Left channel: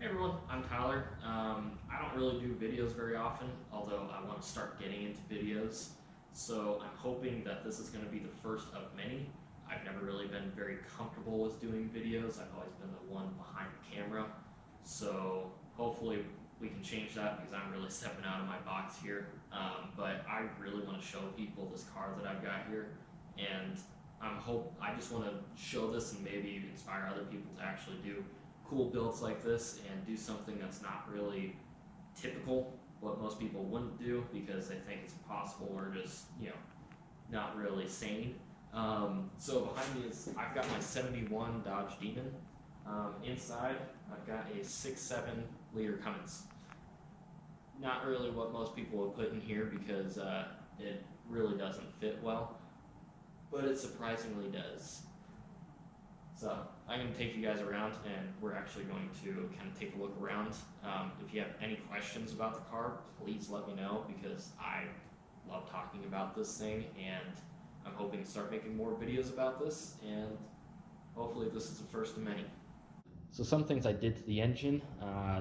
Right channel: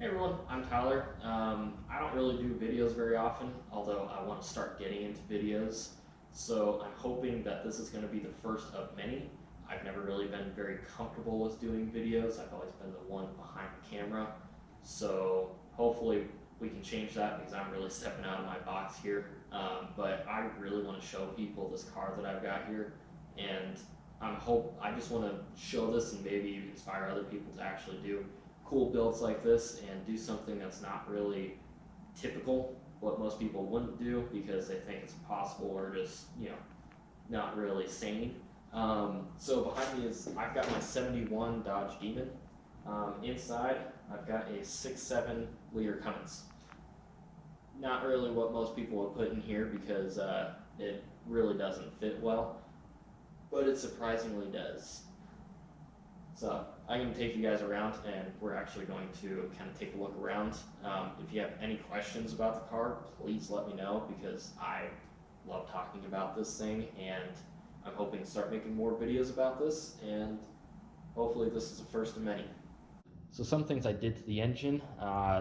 Hey everyone, I'm Tyler. I don't really do videos very often, although I want to start getting into videos. So I'm hoping that this is going to be the first of many. I've never really been very comfortable with doing videos. I've always been the one behind the camera. So hopefully we can change that because I'm really stepping out of my box here. But I really want to show people this car that I've got here, and I just want to show this and maybe inspire other people to actually do cool builds like this and do something that's not really typical, what most people wouldn't do because they think it's impossible or just, not really sane. So behind me is, I've got my 71 Dodge Demon. Inside, I've got a 6.7 liter Cummins. Not really what most people would put in here because it really doesn't fit well, but it surprisingly does. So I'm going to take you guys around and we're actually going to kind of take a look around. If you have any questions about the car, please let me know because I love talking about this thing and I'm hoping to start making more videos about this, and hopefully this is the first of many. So some things I did to the engine,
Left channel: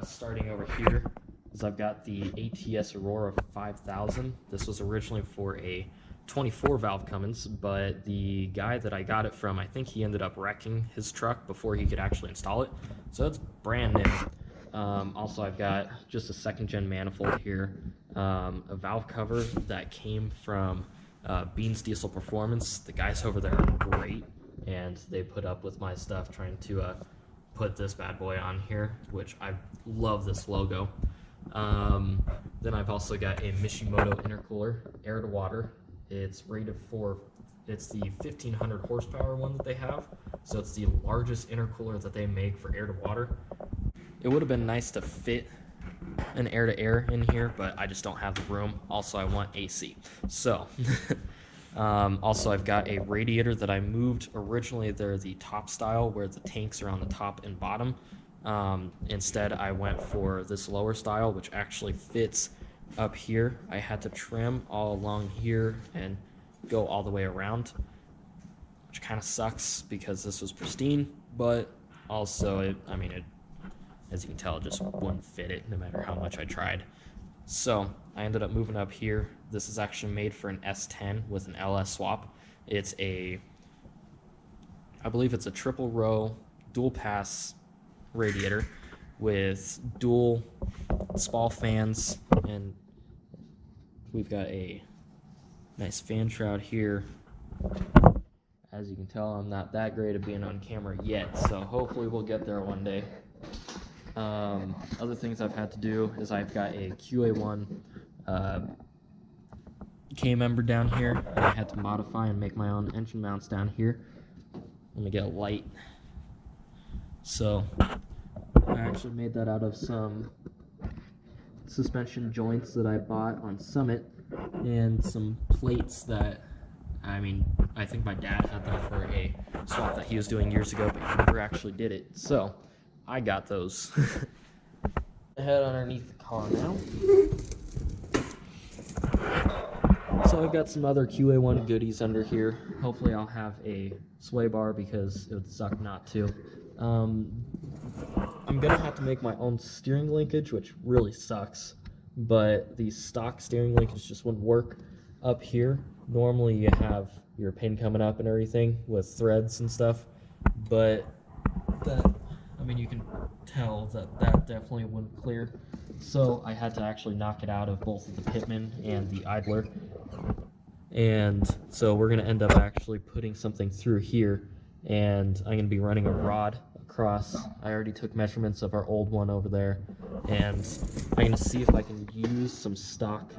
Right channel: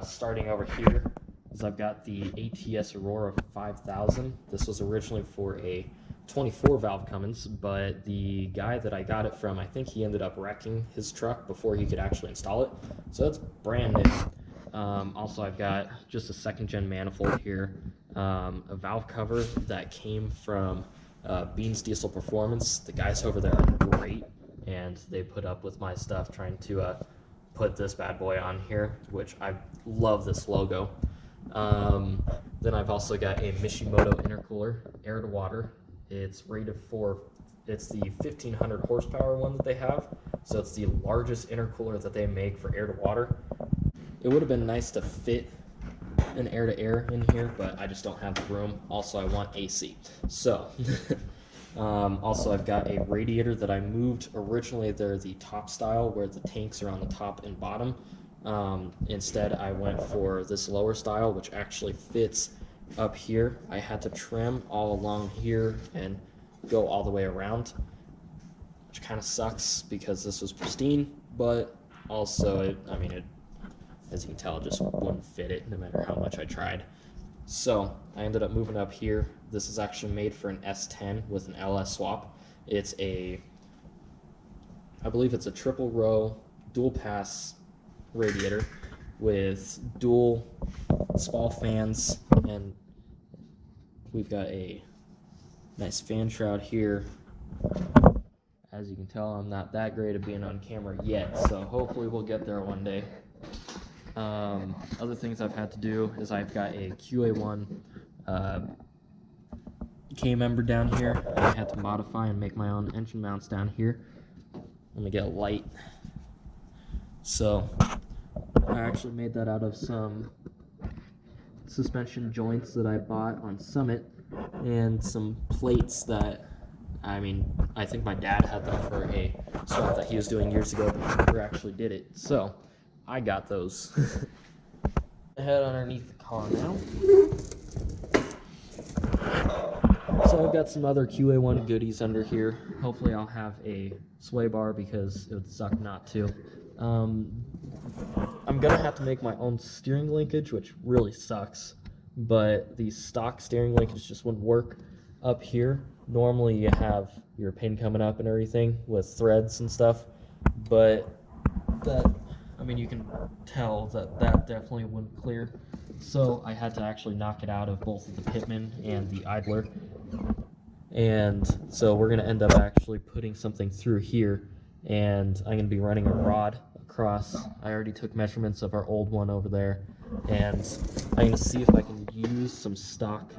starting over here, is I've got the ATS Aurora 5000. This was originally for a 24 valve Cummins, but the guy that I got it from, I think he ended up wrecking his truck before he could actually install it. So that's brand new. Also, I've got just a second gen manifold here, a valve cover that came from Beans Diesel Performance. The guys over there are great, and they put up with my stuff trying to put this bad boy on here, which I love this logo. Then I've also got a Mishimoto intercooler, air to water. It's rated for, it's the 1500 horsepower one that they have, so it's the largest intercooler that they make for air to water. It would have been nice to fit an air to air in here, but I just don't have the room. Also, I want AC. So, also I've got a radiator that I moved. Originally, they're the top style where the tanks are on the top and bottom. Instead, I went for this lower style, which actually fits up here. I had to trim all along here and go all the way around, which kind of sucks because this was pristine, but also it, as you can tell, it just wouldn't fit it no matter how much I tried. So I ended up moving up here. This is actually made for an S10 with an LS swap. It's I believe it's a triple row dual pass radiator with dual spall fans, and we've got a nice fan shroud here. As you can tell, I'm not that great at being on camera yet, so hopefully we'll get there one day. Other things I've had to do is I've got a QA1 K-member down here, and I had to modify and make my own engine mounts down here. Let me get a light. So I actually made that out of some suspension joints that I bought on Summit and some plates that, I think my dad had them for a swap that he was doing years ago, but he never actually did it. So I got those. Head underneath the car now. So I've got some other QA1 goodies under here. Hopefully I'll have a sway bar because it would suck not to. I'm gonna have to make my own steering linkage, which really sucks, but the stock steering linkage just wouldn't work up here. Normally you have your pin coming up and everything with threads and stuff, but that, you can tell that definitely wouldn't clear. So I had to actually knock it out of both the pitman and the idler. And so we're gonna end up actually putting something through here, and I'm gonna be running a rod across. I already took measurements of our old one over there, and I'm gonna see if I can use some stock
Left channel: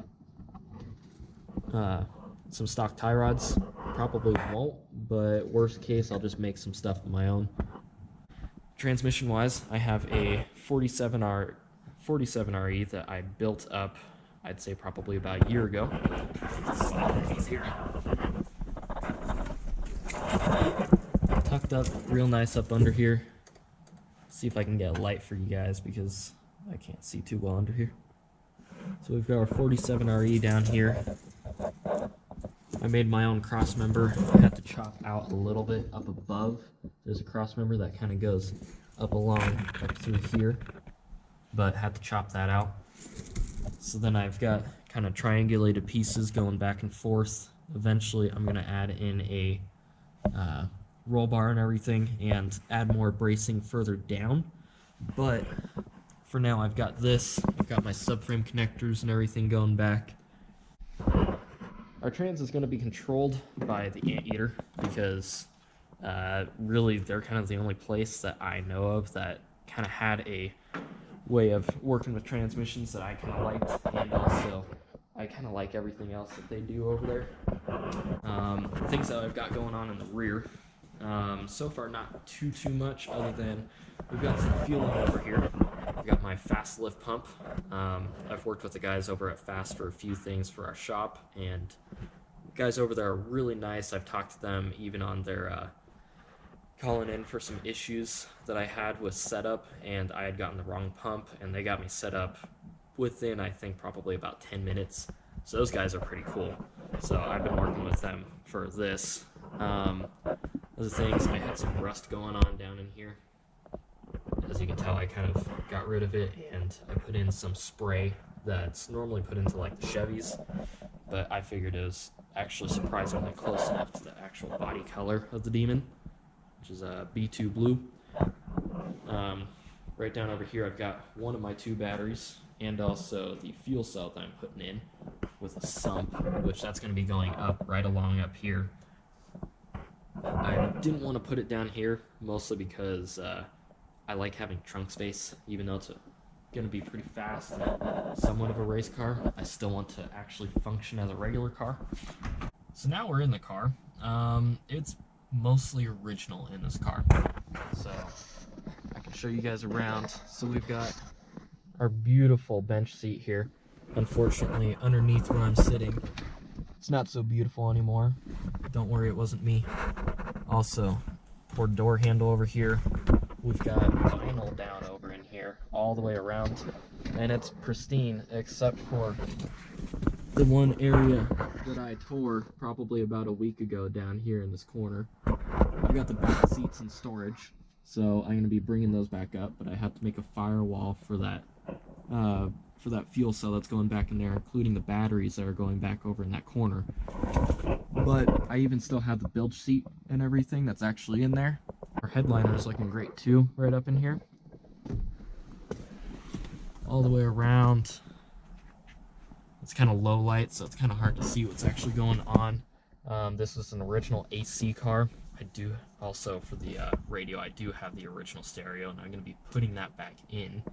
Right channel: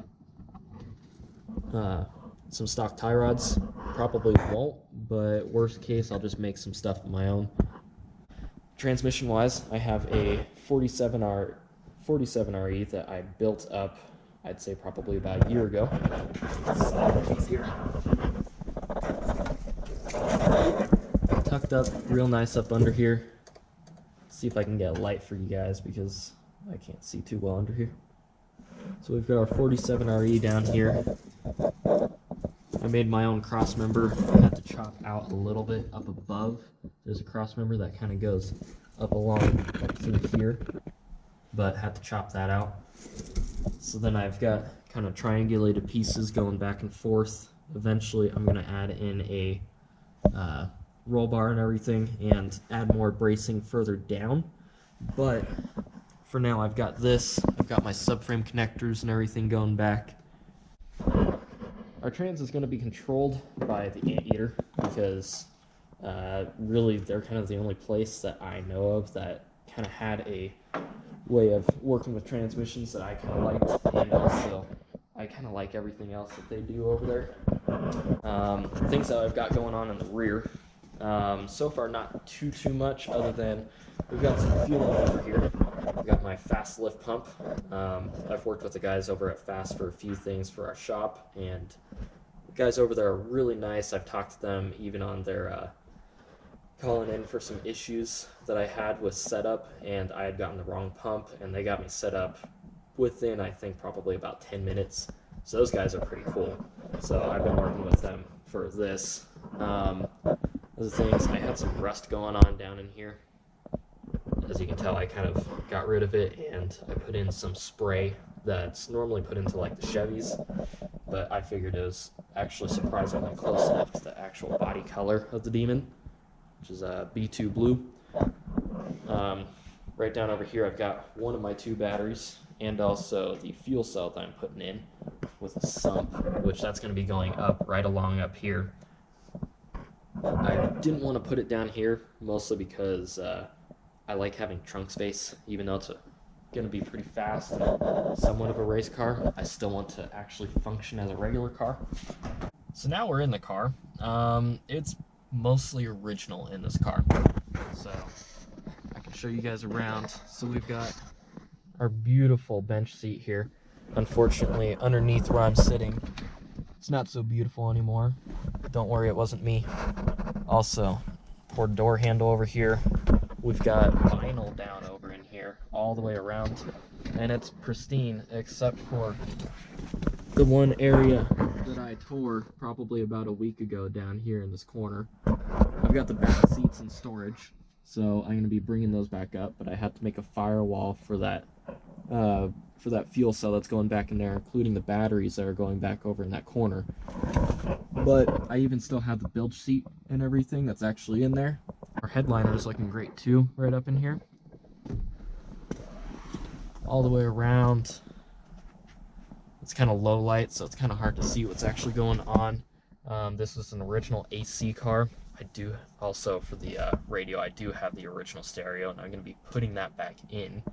tie rods. Probably won't, but worst case I'll just make some stuff of my own. Transmission wise, I have a 47RE that I built up, I'd say probably about a year ago. Slide underneath here. Tucked up real nice up under here. See if I can get a light for you guys because I can't see too well under here. So we've got our 47RE down here. I made my own cross member. Had to chop out a little bit up above. There's a cross member that kind of goes up along up through here. but had to chop that out. So then I've got kind of triangulated pieces going back and forth. Eventually I'm going to add in a roll bar and everything and add more bracing further down. But for now I've got this. I've got my subframe connectors and everything going back. Our trans is going to be controlled by the Anteater because really they're kind of the only place that I know of that kind of had a way of working with transmissions that I kind of liked, and also I kind of like everything else that they do over there. Things that I've got going on in the rear, so far not too much other than we've got some fueling over here. I've got my fast lift pump. I've worked with the guys over at Fast for a few things for our shop, and the guys over there are really nice. I've talked to them even on their calling in for some issues that I had with setup, and I had gotten the wrong pump, and they got me set up within, I think, probably about 10 minutes. So those guys are pretty cool. So I've been working with them for this. Other things, I had some rust going on down in here. As you can tell, I kind of got rid of it, and I put in some spray that's normally put into like the Chevys, but I figured it was actually surprisingly close enough to the actual body color of the Demon, which is a B2 blue. Right down over here I've got one of my 2 batteries and also the fuel cell that I'm putting in with a sump, which that's going to be going up right along up here. I didn't want to put it down here, mostly because I like having trunk space. Even though it's going to be pretty fast and somewhat of a race car, I still want to actually function as a regular car. So now we're in the car. It's mostly original in this car, so I can show you guys around. So we've got our beautiful bench seat here. Unfortunately, underneath where I'm sitting, it's not so beautiful anymore. Don't worry, it wasn't me. Also, poor door handle over here. We've got vinyl down over in here all the way around, and it's pristine except for the one area that I tore probably about a week ago down here in this corner. I've got the back seats in storage, so I'm going to be bringing those back up, but I had to make a firewall for that fuel cell that's going back in there, including the batteries that are going back over in that corner. But I even still have the bilge seat and everything that's actually in there. Our headliner is looking great too, right up in here. All the way around. It's kind of low light, so it's kind of hard to see what's actually going on. This is an original AC car. I do also, for the radio, I do have the original stereo, and I'm going to be putting that back in.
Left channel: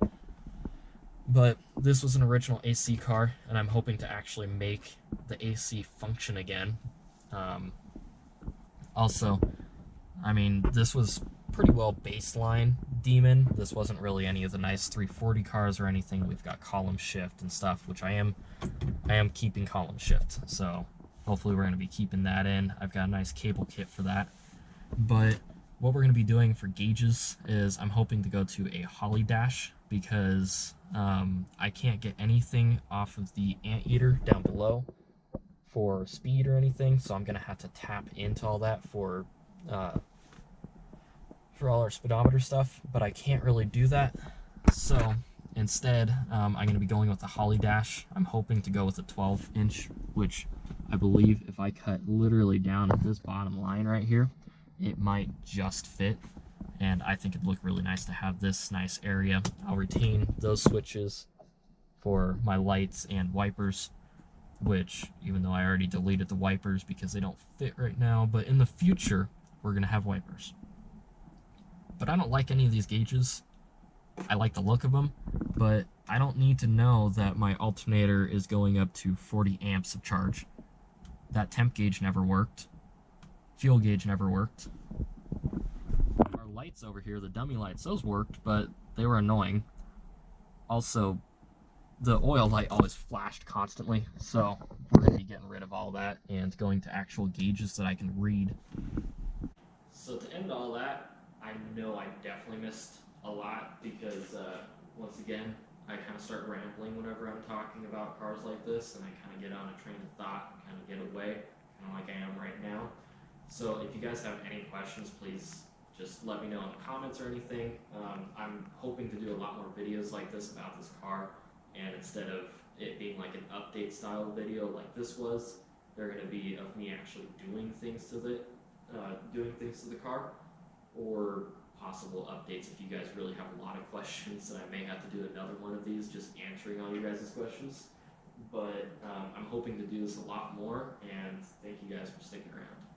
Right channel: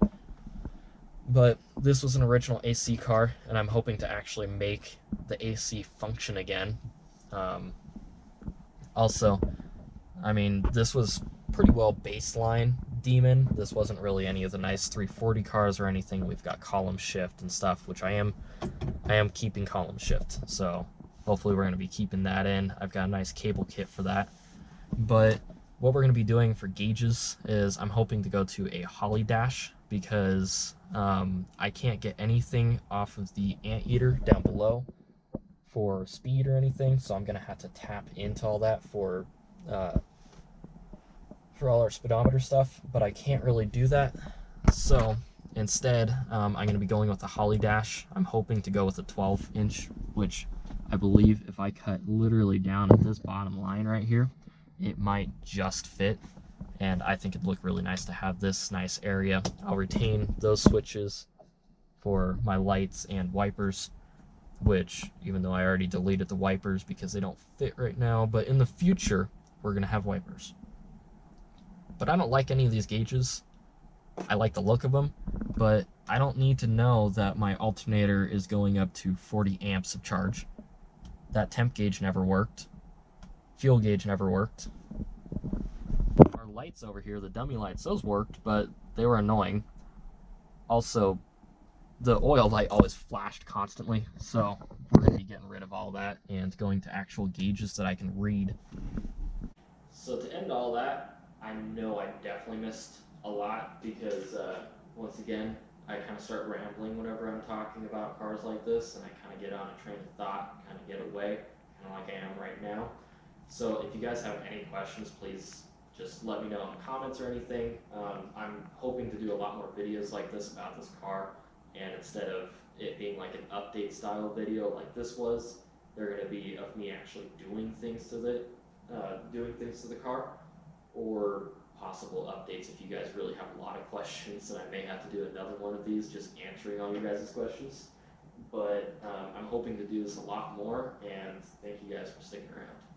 But this was an original AC car, and I'm hoping to actually make the AC function again. Also, I mean, this was pretty well baseline Demon. This wasn't really any of the nice 340 cars or anything. We've got column shift and stuff, which I am keeping column shift. So hopefully we're going to be keeping that in. I've got a nice cable kit for that. But what we're going to be doing for gauges is I'm hoping to go to a Holly dash, because I can't get anything off of the Anteater down below for speed or anything, so I'm going to have to tap into all that for all our speedometer stuff, but I can't really do that. So instead, I'm going to be going with the Holly dash. I'm hoping to go with a 12-inch, which I believe if I cut literally down at this bottom line right here, it might just fit. And I think it'd look really nice to have this nice area. I'll retain those switches for my lights and wipers, which, even though I already deleted the wipers because they don't fit right now, but in the future, we're gonna have wipers. But I don't like any of these gauges. I like the look of them, but I don't need to know that my alternator is going up to 40 amps of charge. That temp gauge never worked. Fuel gauge never worked. Our lights over here, the dummy lights, those worked, but they were annoying. Also, the oil light always flashed constantly, so we're going to be getting rid of all that and going to actual gauges that I can read. So to end all that, I know I definitely missed a lot because, once again, I kind of start rambling whenever I'm talking about cars like this, and I kind of get on a train of thought, kind of get away, kind of like I am right now. So if you guys have any questions, please just let me know in the comments or anything. I'm hoping to do a lot more videos like this about this car, and instead of it being like an update style video like this was, they're going to be of me actually doing things to the car, or possible updates if you guys really have a lot of questions, and I may have to do another one of these just answering all you guys' questions. But I'm hoping to do this a lot more, and thank you guys for sticking around.